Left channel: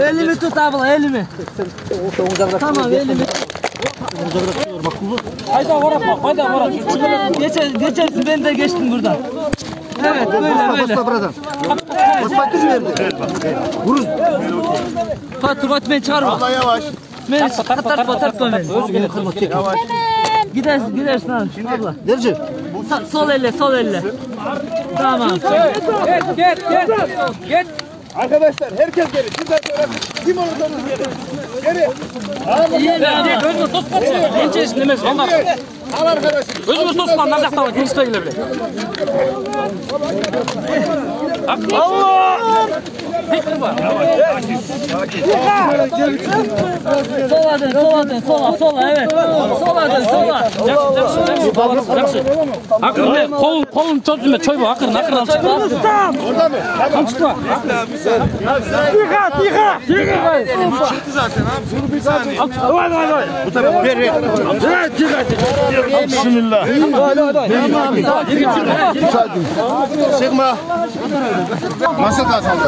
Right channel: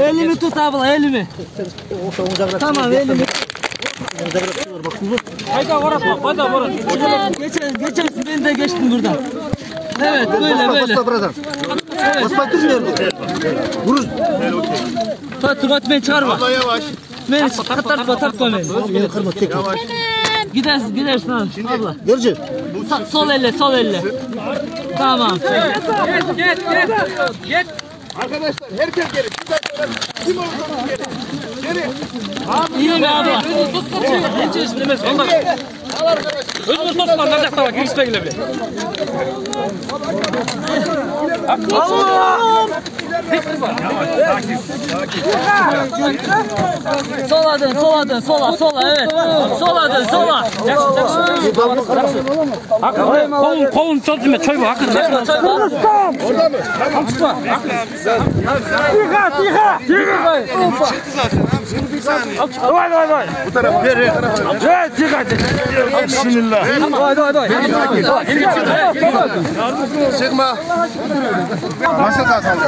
Elimi tut abla, elimi. Tamam, elimi. Hayda varak, hayda varak. Geçersin, ben de geçtim buradan. Evet, böyle. Vuruz. Fatih beni çağırma. Beni tartma beni. Beni kırma tek. Gidersin abla. Derece. Sol elle. Tamam. Git. Arkadaşlar herkes gelin. Kim olduğunu gelin. Geri. İyi mi abi? Genç istemez. Onlar. Al arkadaşlar. Özümüz dostlarlar da var. Girişte gelebilir. Allah! Sola dön, evet. Sola. Jakşı. Kolun çözüme çoy bu. Akırın. Kırgızstan! Akın çıkma. Tiha! Bu tarafa. Ver. Bismillah. Çıkma. Nasıl kazandı?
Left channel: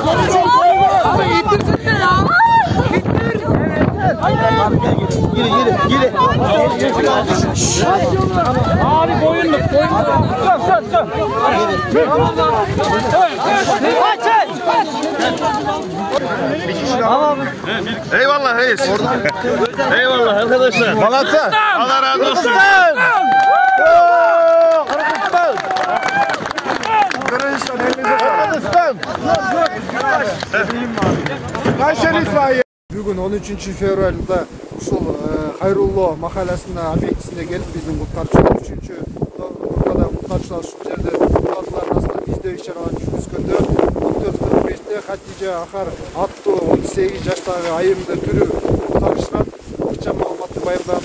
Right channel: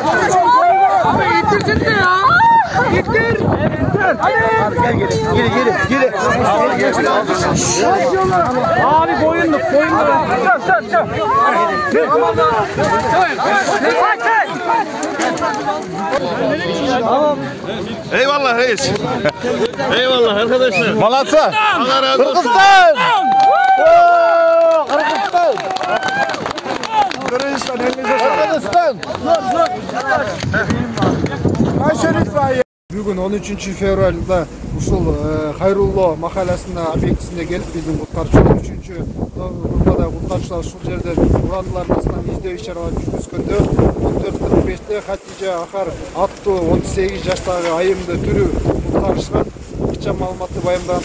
İttirdin ya. İttir. Geri. Abi boyunluk. Çök. Eyvallah reis. Eyvallah arkadaşlar. Malatya. Allah razı olsun. Kırgızstan. Kırgızstan. Kayseri itfaiye. Бүгін 13 февральда ушул Хайрулло махаласына объектисине келип биздин куткарчылар 3-чү группада куткарчылар ушул жерде куралдылар астынан издөө иш-чаралар жүргүзгөндө 14:45-те Хатижа Ахар аттуу 18 жаштагы айымды түрү куткарышкан. Кыча маалыматты байырдаган